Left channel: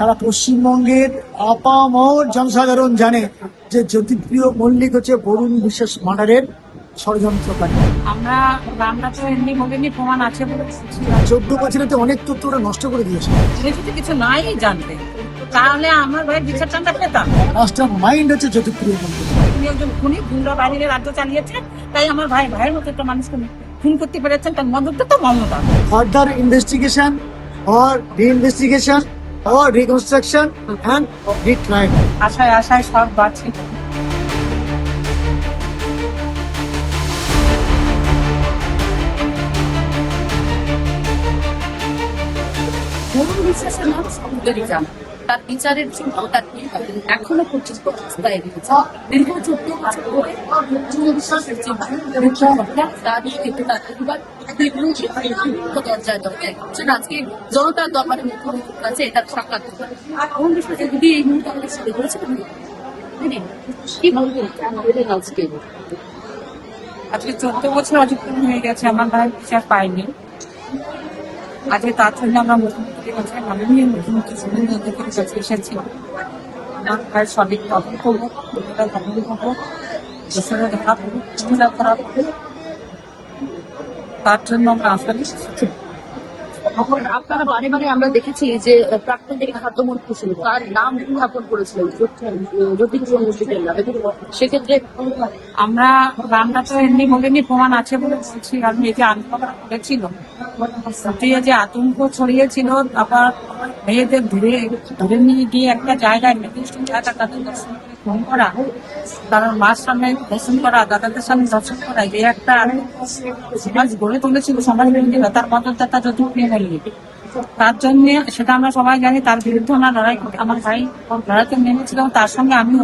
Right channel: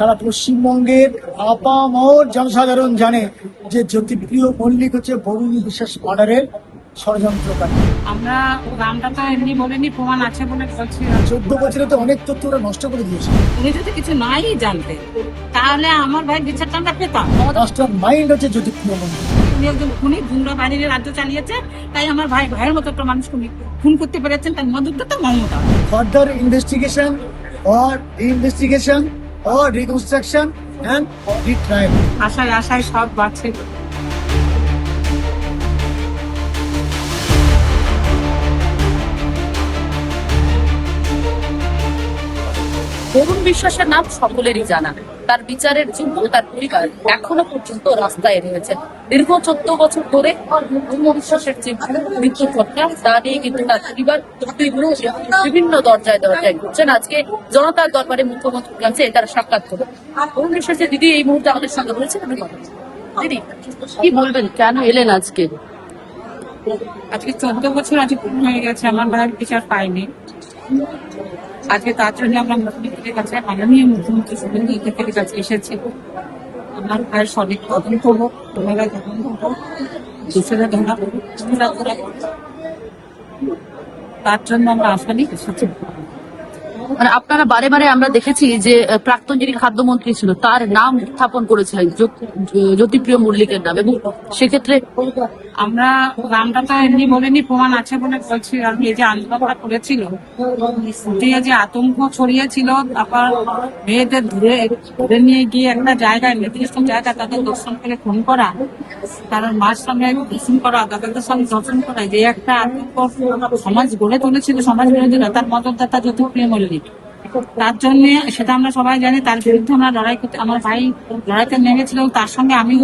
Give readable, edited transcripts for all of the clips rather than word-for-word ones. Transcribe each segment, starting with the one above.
সারা পশ্চিমবঙ্গের আপামর জনসাধারণ জানে যে জ্যোতিপ্রিয় মল্লিক হচ্ছে বরুণ বিশ্বাস মার্ডারের ষড়যন্ত্রকারী। আমরা নামটা তো এমনি বলিনি, প্রমাণ আছে বলে বলছি। 14 বছরে তো অনেক তথ্য ওরা নষ্ট করে দিয়েছে। উনি যদি কিছু নাই জানতে, তাহলে আমার ভাই বিচার টানটা পেতাম। মাস্টার মাইন্ড হচ্ছে জ্যোতিপ্রিয় মল্লিক। উনি একজন খুনি, গুন্ডা বাহিনীর রাজ্য চালিয়েছে, তাই আমার ভাইয়ের মতো একটা মানুষকে খুন করতে পেরেছেন। তার মদতটা তো Mamata. Further investigation or reinvestigation or reconstruction and retrial. আশায় আশায় সব বাঁচে। বরুণ বিশ্বাসের নাম সকলেরই জানা। তার বিচারের জন্য তার পরিবার এখনো পর্যন্ত রাস্তায় রয়েছে। দীর্ঘ 14 বছর ধরে বরুণ বিশ্বাসের যে মৃত্যু ঘটনা, তা নিয়ে কিন্তু তার পরিবার বিভিন্ন দরজায় দরজায় ঘুরছেন। আজকে জনতার দরবারে মুখ্যমন্ত্রীর কাছে তারা সাক্ষাৎ করবেন। বরুণ বিশ্বাসের দিদি এই মুহূর্তে আমাদের সঙ্গে রয়েছেন। দিদি, কি বলবেন, কেন এলেন আজকে? আজকে 14 বছর হয়ে গেছে, আমার ভাইয়ের বিচার পাইনি। আজকে তার জন্য আমরা মুখ্যমন্ত্রীর কাছে, মাননীয় মুখ্যমন্ত্রী শুভেন্দু অধিকারীর কাছে এসেছি। আমার ভাইয়ের সঠিক তদন্ত হোক, তোমরা তদন্ত হোক, দোষীরা ধরা পড়ুক, খুনিরা ধরা পড়ুক, তার জন্য আমরা আশা নিয়ে এসেছি। আপনারা বারে বারে আমরা দেখেছি যে প্রাক্তন যিনি খাদ্যমন্ত্রী ছিল তার নাম উত্থাপন করেছিলেন, জ্যোতিপ্রিয় মল্লিকের নাম, এবং সেক্ষেত্রে আমরা নামটা তো এমনি বলিনি, প্রমাণ আছে বলে বলছি। কারণ এই যে আন্দোলনটা করেছিল, যে আতঙ্ক ছড়িয়েছিল, তারপর মেয়েদের ধরে নিয়ে গিয়ে একটা জায়গায়, নির্দিষ্ট জায়গা তাদের দর্শন করে খুন করা, তার মার সামনে দর্শন করা, দাদাদের সামনে দর্শন করা, যে একটা আতঙ্ক সমাজ গড়ে তুলেছিল সমাজ বিরোধীরা, তার মদতদাতা জ্যোতিপ্রিয় মল্লিক। তার জন্য সেটা আমরা সবাই জানি, তার বিরুদ্ধে আমরা লড়াই করতে, আমার ভাই লড়াইতে নেমেছিল, তার সঙ্গে আমি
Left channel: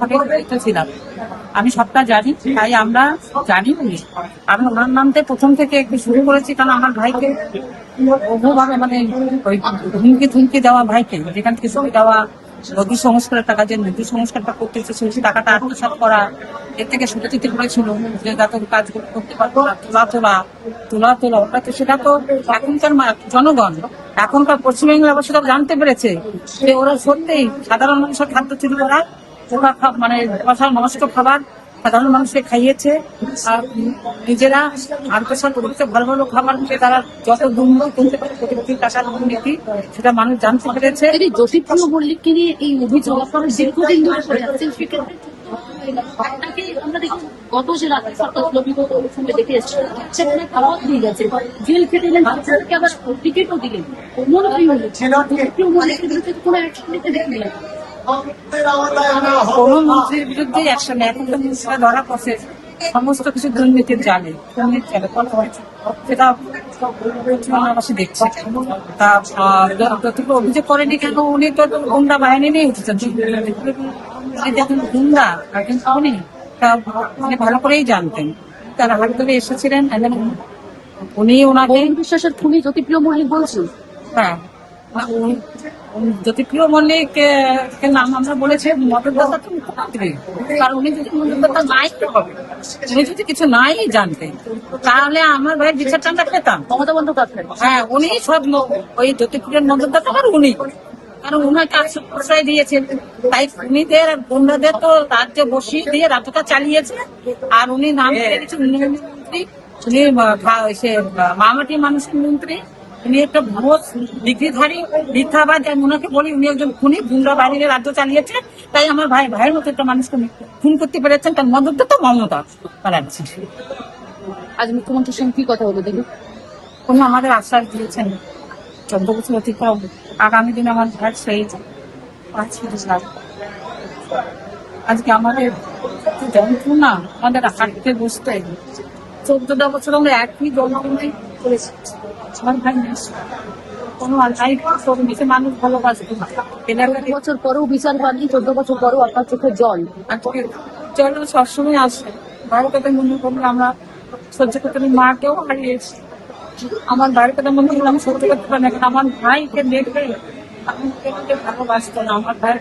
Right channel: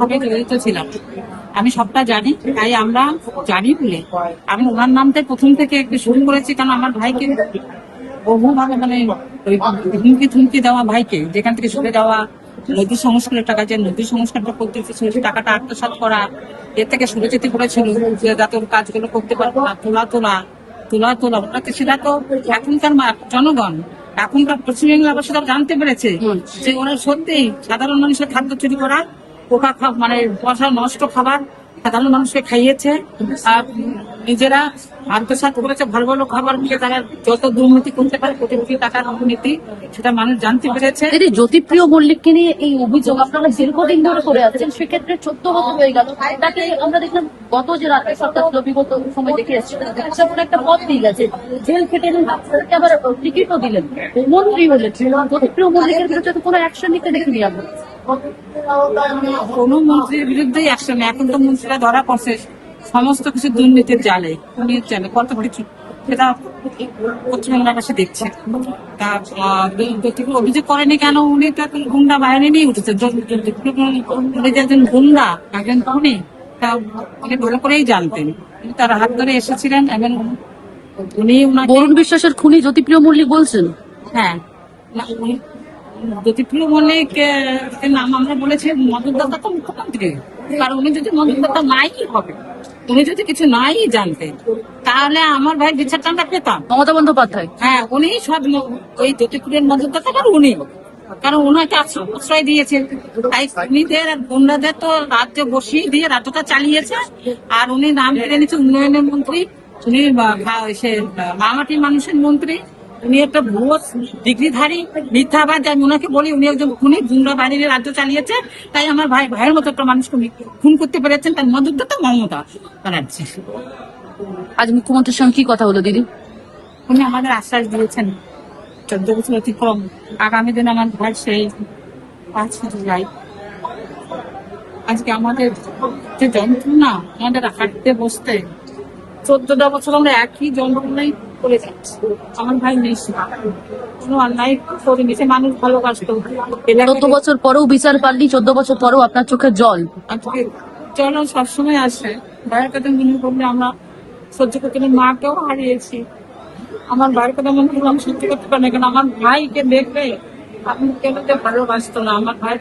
ভাবে জড়িত ছিলাম। আমি সবটা জানি, তাই আমরা জানি বলে আমি ওনার নামতে প্রথম থেকে একটু শুরু করেছি। কারণ আমার ভাইকে বহুভাবে, মানে ওই হুমকি দেওয়া, ভাইকে যেখান থেকে সরে দেওয়া, নদী সংস্কারের টাকা, যে নদী সংস্কারটা করতে চেয়েছিল সে টাকাটা আত্মসাৎ করা, এর থেকে সরে যেতে করেছিল, যে যাতে ওর কাজগুলো করতে পারতো না, তোলা ওটাকে, সেটা তো এখনকার জনগণ, এখনকার পশ্চিমবঙ্গের বাসীরা জানতে পেরেছে যে ওরা সত্যিই সাধারণ মানুষের খাদ্য চুরি করা, মানে পয়সা নষ্ট খাবার সাধারণ মানুষকে খাইয়েছে, আর নিজেরা আত্মসাৎ করেছে ভালো ভালো খাবার খেয়ে। তারা যত দুর্নীতি করতে পারে, কোটি টাকার দুর্নীতি, সেটা মানুষ জানতে পেরেছে। জ্যোতিপ্রিয় মল্লিককে নিয়ে এই অভিযোগ আপনারা দীর্ঘদিন ধরে করে আসছেন, সেক্ষেত্রে 14 বছর হয়ে গেল। তাকে আমরা দেখলাম গত যে রাতে সরকার ছিল, বিগত সময় দেখে এসেছিলেন, একটা পদ দিয়ে গেছে, জেল খেটে এলেন, তাকে আবার টিকিটও দিলেন, মন্ত্রী হলেন। জ্যোতিপ্রিয় মল্লিকের বিরুদ্ধে তো কোনো অ্যাকশন নিতে দেখিনি আমরা। কোন মন্ত্রীর বিরুদ্ধে অ্যাকশন নেই। এখন তো মন্ত্রীরা ধরা পড়ছে সমস্ত কিছু দুর্নীতির জালে, খুনির জালে, কত কিছু, সেটা পশ্চিমবঙ্গবাসী দেখছে। তা অভিযোগ করেনি কেন? উনি তো গুন্ডা বাহিনী নিয়ে উঠেছে, উনি যে একজন গুন্ডা, একজন খুনি, তা উনি ভালো করেই জানতেন। তার হাত ধরে এসেছিলেন, এবং উনি ওনাকে বরুণ বিশ্বাসের খুনি জ্যোতিপ্রিয় মল্লিক বলছেন। হ্যাঁ, জ্যোতিপ্রিয় মল্লিক নাম আমরা বলেছি মদতদাতা তো মুখ্যমন্ত্রী। কারণ উনি যদি মদতদাতা নাই হবে, উনি যদি কিছু নাই জানতেন, তাহলে আমার ভাই বিচার টানটা পেতাম। মমতা বন্দ্যোপাধ্যায়, হ্যাঁ, উনি সব ওই জ্যোতিপ্রিয়ের মদতদাতা, আর উনি, কারণ উনাকে আশ্রয় দিয়েছে, তাই উনিদের গুন্ডাদের তো রাজ্যে বসিয়ে দিয়ে রাজ্যটা চালিয়েছে। আর উনি নাম কেড়ে নিচ্ছে উন্নয়নের মন্ত্রী, উনি মামাটি মানুষের মন্ত্রী, উনি একটা ভুয়ো ডিগ্রিধারী মিথ্যাবাদ। আমি ওনাকে বলি উনি একজন খুনি, গুন্ডা বাহিনীর রাজ্য চালিয়েছে, তাই আমার ভাইয়ের মতো একটা মানুষকে খুন করতে পেরেছেন। তার মদতদাতা মমতা ব্যানার্জি। আজ মুখ্যমন্ত্রীর সঙ্গে কি কথা হলো দিদি? উনি আমাদের আশ্বাস দিয়েছেন 14 বছর অতিক্রম, আগামী দিন আমার ভাই সেই 5 জুলাই। আজকে আমাদের যে যন্ত্রণা, আমাদের হাঁটতে বসতে 14টা বছর আমরা একই যন্ত্রণাই করেছি। আমার ভাই নেই, কোনো অন্যায় করিনি, সে মানুষ ভালোবাসত। 14 বছর পরেও বিচার পাননি, 14 বছর পরেও আপনার চোখে জল। আজকে জল সবসময় আসে। ভাইয়ের কথা মনে করলে আমরা সহ্য করতে পারি, মাকেও হারিয়েছি। আমার ভাইয়ের কথা মনে করলে আমি সহ্য করতে পারি না, কারণ আমার ভাইকে দেখবে আমি কেন ভালোবাসতো না। আমার ভাইয়ের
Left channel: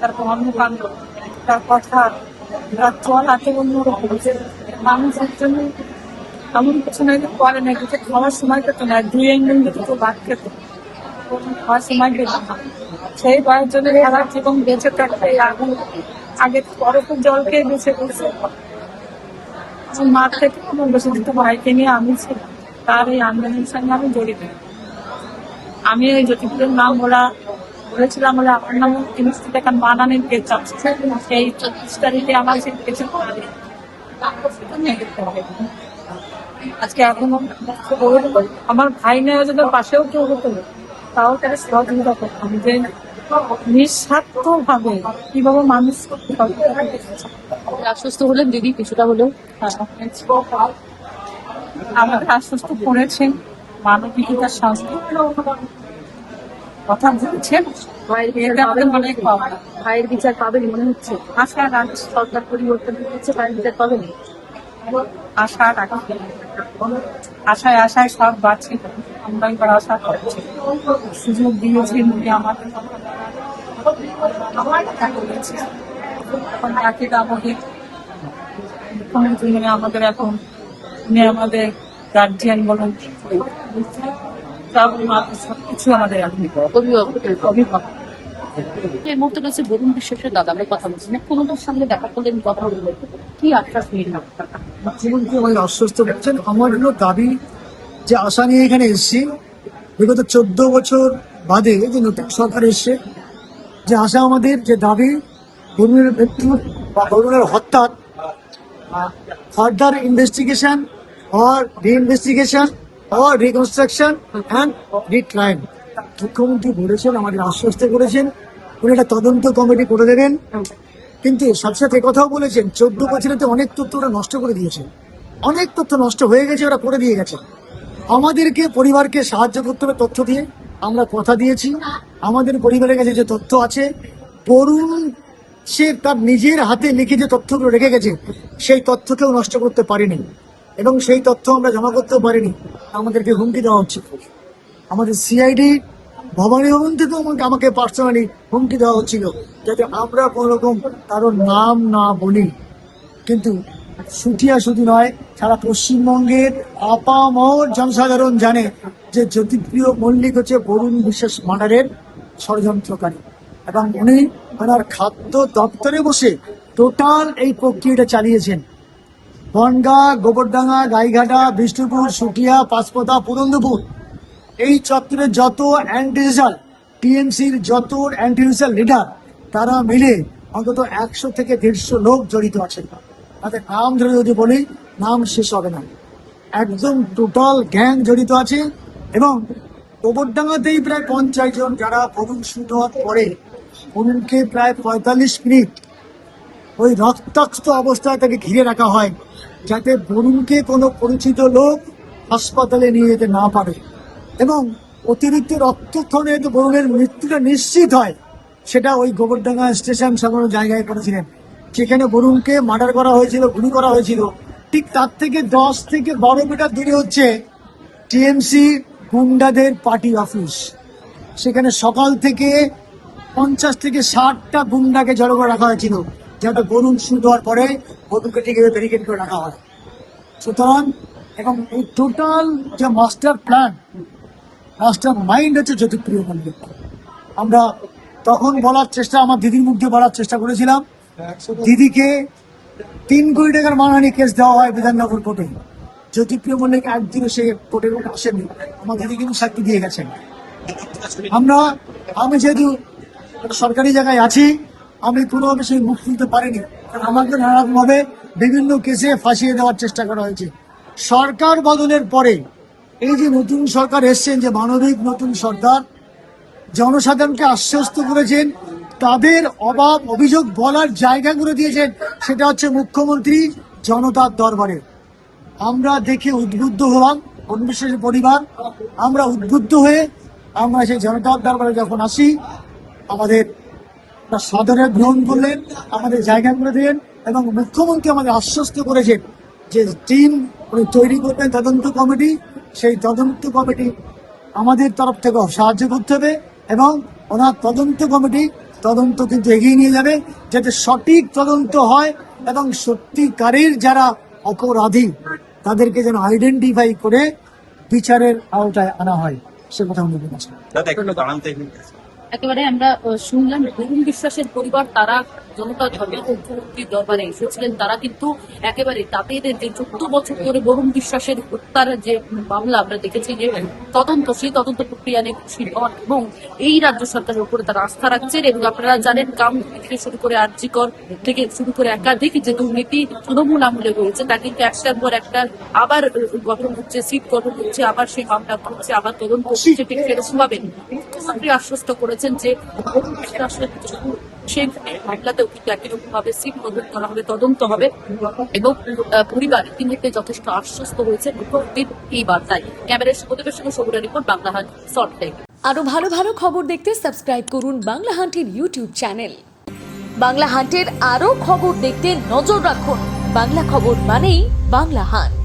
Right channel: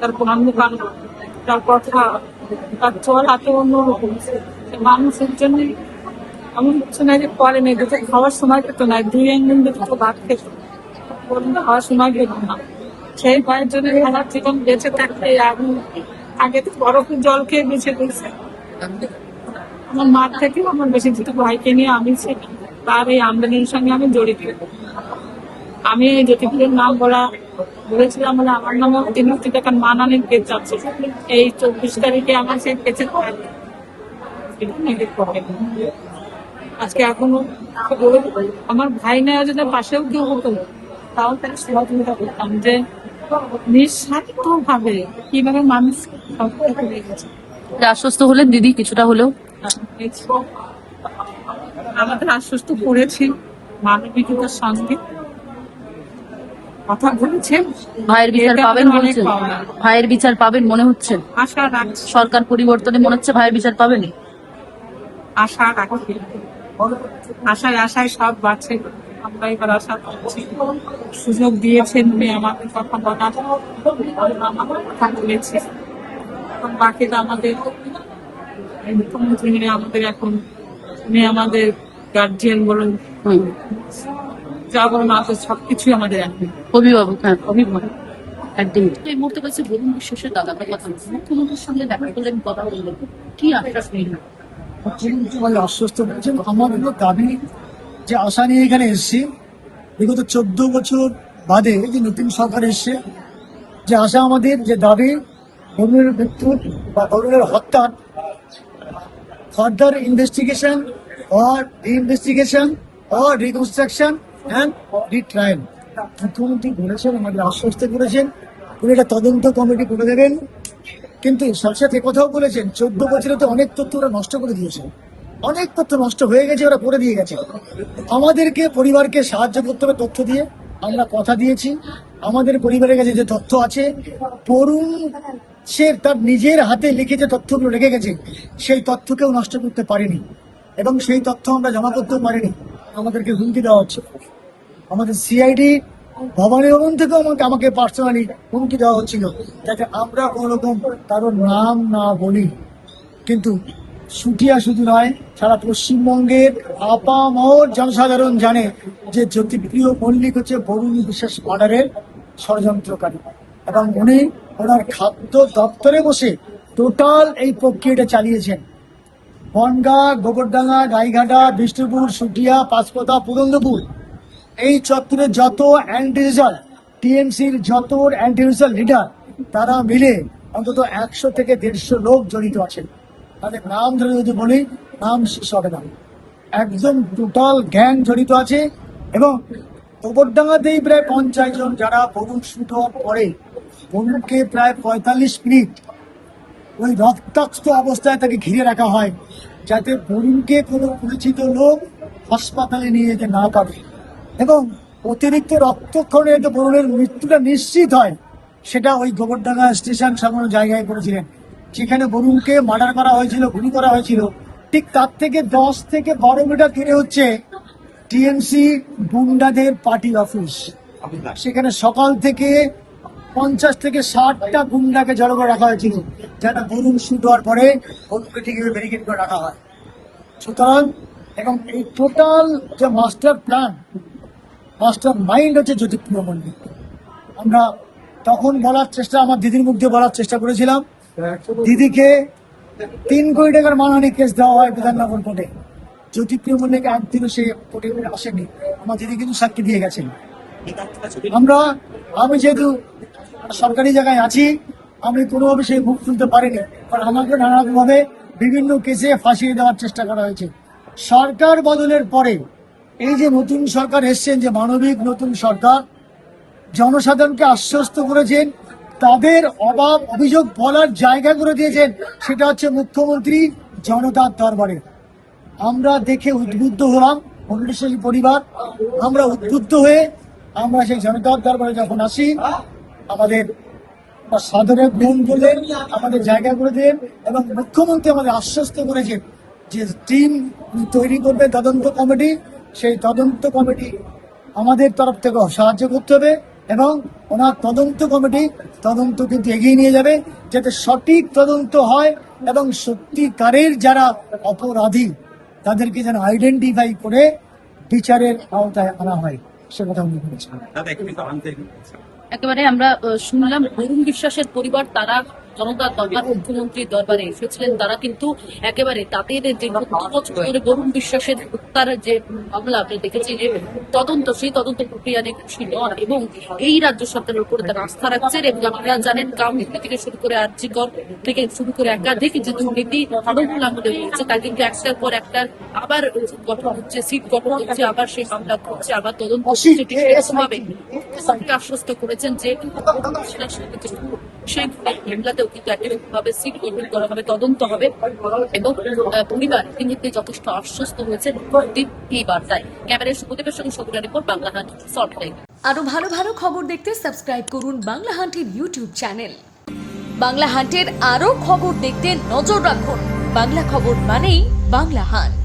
তার কর্মকাণ্ড, তার কথা, তার চল হাতে অন্যরকম। মানুষের জন্য এমন কিছু নাই যে করে নেই, দুটো খাওয়ার সময় পেতো না, 2 দিন দুটো ভাত খেত। খাওয়ার সময় পেতাম না। সেই ভয়ের জন্য সারা জীবন বেঁচে থাকতে এখন আগে তো বরফের জল খেয়ে বেঁচে গেছে। আমার মার থেকে আমার বেশি দুটো ভাইকে নিয়ে আমি ছিলাম, তার এই আন্দোলনের সঙ্গে আমি জড়িত। আমি এই জ্যোতিপুরের নাম বলেছিলাম বলে আমার নামে 3 কোটি টাকার মানহানির কেস আছে। এই 24 তারিখে আমার সেই কেসে আজকে এখনো আমার ভাই নেওয়া যদি পাশেও কেউ হতো তাও তারা সহযোগিতা করতাম, যে নিঃস্বার্থ ভাবে কিভাবে মানুষ সহযোগিতা করে গেছে। আশ্বস্ত হলেন দিদি কিছুটা হলেও? আমাদের আশ্বস্ত করেছেন, মানবিকতার সঙ্গে কথা বলেছেন। ভাইয়ের বিচার এতে পাবেন আমাদের অনেক অনেক পাওনা। ভাইয়ের বিচার পাবেন মনে হচ্ছে? আশা রাখছি, সরকার পরিবর্তনে মনে হচ্ছে ভাইয়ের বিচার পাবেন? আশা রাখছি, আশায় সব বাড়ছে। আমরা এবার আশা করছি, সুযোগ দিয়েছেন উনি আমাদের কথা বলার, আমরা কথা বলেছি। এখন বাকিটা আমাদের মুখ্যমন্ত্রী আমাদের এখন উনি আমাদের গার্জিয়ান বলুন, যা বলুন আমাদের সবকিছু আমাদের এখন অভিভাবক। হ্যাঁ, অভিভাবক। একদমই। এই মুহূর্তে কাছে বরুণ বিশ্বাসের দাদা আমরা কথা বলছি, মুখ্যমন্ত্রীর সঙ্গে দেখা করলেন, কথা বললেন, কি আশ্বাস নিলেন? মুখ্যমন্ত্রী আমাদের আশ্বস্ত করেছেন। আমার জন্য দাবি যে আশা নিয়ে এখানে এসেছি, বিগত 14 বছর বাদে যে নতুন সরকার এসছে, যে আশা আমাদের যে দাবি বরুণের মৃত্যু বা বরুণের হত্যার further investigation or re-investigation or reconstruction and retrial। মুখ্যমন্ত্রী বলেছেন, আমাদের আশ্বস্ত করেছেন উনি একটা তদন্ত কমিটি করে দেবেন। কিন্তু সাথে সাথে কথাও বলেছেন 14 বছরে তো অনেক তথ্য ওরা নষ্ট করে দিয়েছে, অনেক তথ্য নষ্ট হয়ে গেছে, ওরা করে দিয়ে গেছে। আমাদেরকে পরিবারকে সাহায্য করতে হবে তথ্য দিয়ে। আমরা কথা দিয়েছি আমাদের পরিবারের কাছে যে তথ্য আছে, বরুণ সে তার নিজের হাতে লিখে যে তথ্যগুলো রেখে গেছে সেই তথ্যকেও নষ্ট করতে পারেনি, এবং সেই তথ্য আমরা জমা করতেও পারিনি। আমাদেরকে হুমকি দেওয়া হচ্ছে। আমাদের সিআইডি ভবানী ভবন থেকেও আমাকে পার্সোনালি হুমকি দেওয়া হচ্ছিল যাতে আমরা কোনো রকম কারোর নাম না বলি। কিন্তু সুটিয়া শুধু নয়, সারা পশ্চিমবঙ্গের আপামর জনসাধারণ জানে যে জ্যোতিপ্রিয় মল্লিক হচ্ছে বরুণ বিশ্বাস মার্ডারের ষড়যন্ত্রকারী, এবং উনি ওনার খাদ্য দপ্তরে বসে টোটাল এই প্রক্রিয়াটা চালিয়েছেন। বনগাঁ, গোবরডাঙ্গা, গাইঘাটা, বিষ্ণুপুর, সুটিয়া, পাঁচপথা, পুরন্দপুর, এই চত্বরে যত অ্যান্টি রেজাল্ট টিএমসির যত অ্যান্টি রেজাল্ট লিডার, তারা মিলে অন্তত 100 থেকে 150 লোক জড়িত আছেন। তাদের নাম ধরে যদি বলি নাম শেষ হবে না। একদম টোটাল গ্যাং জড়িত আছে। এবং গোবরডাঙ্গাতেই প্রায় 50 জন, যারা বরুণ শুট হওয়ার পরে বরুণকে প্রায় 45 মিনিট ওই রক্তাক্ত অবস্থায় তাকে ঘিরে রাখা হয় যাতে বরুণকে কোনো পরিচিত লোক হাসপাতালে নিয়ে যেতে না পারে, এবং অতিরিক্ত রক্তক্ষরণে যাতে বরুণের মৃত্যুটা নিশ্চিত হয় সেটা ওই গোবরডাঙ্গা স্টেশন সামনে জায়গায় করেছিলেন, যেখানে বরুণকে মার্ডার করা হয়েছিল, গুলি করা হয়েছিল। ঠিক তার থেকে 10 থেকে 12 মিটার দূরে হচ্ছে টিএমসি গুন্ডাদের পার্টি অফিস। সেখানে সকাল থেকে 50 থেকে 60টা গুন্ডাকে জড়ো করে রাখা হয়েছিল যাতে বরুণ শুট হওয়ার পরে বরুণকে ঠিক ব্যারিকেড করে রাখা হয়। সুতরাং এবং এই টোটাল যে মাস্টার প্ল্যান, মাস্টার মাইন্ড হচ্ছে জ্যোতিপ্রিয় মল্লিক। আমরা তখন বলার চেষ্টা, আমার দিদির মুখ দিয়ে বলার চেষ্টা করেছিলাম, দিদিকে 3 কোটি টাকার মানহানি কেস দেওয়া হয় বিধাননগর কোর্টে। জ্যোতিপ্রিয় মল্লিক একদিনও সে কোর্টে আসেনি, আমার দিদি কিন্তু সাক্ষী দিয়ে গেছেন। আমি যেহেতু সরকারি জায়গায় আছি, আমি কোনোভাবে সেই মুখ খুলতে পারিনি, কারণ আমাকে নানারকমভাবে বিভিন্ন কেসে ফাঁসিয়ে দেওয়ার চেষ্টা করা হয়েছে। সরকার বদলের পরে এই যে নতুন সরকার এসছেন, যে মানবিক নতুন সরকার, জনসাধারণকে আশ্বস্ত করেছেন, তাদের অভাব অভিযোগ বলার জায়গা করে দিয়েছেন, সেটা হচ্ছে মুখ্যমন্ত্রী জনতার দরবারে। আমরা দেখে উদ্বুদ্ধ হলাম, বরুণ পরিবার আমরা উদ্বুদ্ধ হয়ে আমরা সেই জনতার দরবারে যখন আসি, আমাদের সাদরে গ্রহণ করলেন, আমাদের জায়গা করে দিলেন, এবং মুখ্যমন্ত্রী আমাদের আশ্বস্ত করেছেন যে টিম উনি তৈরি করবেন তদন্ত কমিটি। সেই তদন্ত কমিটি আমাদের তরফ থেকে সাহায্য করতে হবে, এবং ওনার তদন্ত কমিটি তদন্ত কিন্তু এগিয়ে নিয়ে যাবে যাতে সঠিক তদন্ত হয় এবং সত্যিকারের যারা অপরাধী তাদেরকে যেন আইডেন্টিফাই করে বিচারের আওতায় আনা হয়। সে কথা উনি বলেছেন। একেবারে আমরা শুনলাম বরুণ বিশ্বাসের পরিবার, তারা জনতার দরবার, মুখ্যমন্ত্রীর দরবারে এসেছিলেন। তারা কিন্তু একেবারে তাদের যে 14 বছর ধরে বরুণ বিশ্বাসের হত্যার যে মামলা আমরা দেখেছি যে তদন্ত, সেই তদন্ত প্রক্রিয়া নিয়ে খুশি নন এবং এই রাজ্য সরকারের উপরে তারা আস্থা রাখছেন। এবং আপনারা জানেন, কামদুনি থেকে শুরু করে আর্জিকর থেকে শুরু করে একাধিক যে দুর্নীতি তৃণমূল আমলে রয়েছে, তা কিন্তু একটার পর একটা আবার গঠন হচ্ছে, সিট গঠন হচ্ছে, আবার সেই মামলা করছে, আবার তদন্ত হচ্ছে। ঠিক সেরকম ভাবে মুখ্যমন্ত্রী আশ্বস্ত করেছেন যে বরুণ বিশ্বাসের যে সেই মামলাতেও কিন্তু একই রকম ভাবে সিট গঠন করা হবে, তদন্ত হবে এবং পরিবার ইতিমধ্যে যথেষ্ট আশ্বস্ত হয়েছে মুখ্যমন্ত্রীর এই বার্তায়। ক্যামেরার সুপ্রদীপের সঙ্গে সবুরা রিপোর্ট, বাংলা হাট, সল্টলেক। আরো ভালো ভালো খবর দেখতে সাবস্ক্রাইব করুন বাংলা হান্টের ইউটিউব চ্যানেল। বাংলা হান্টের আরো খবর দেখতে নজর রাখুন। বাংলা খবর মানেই বাংলা হান্ট।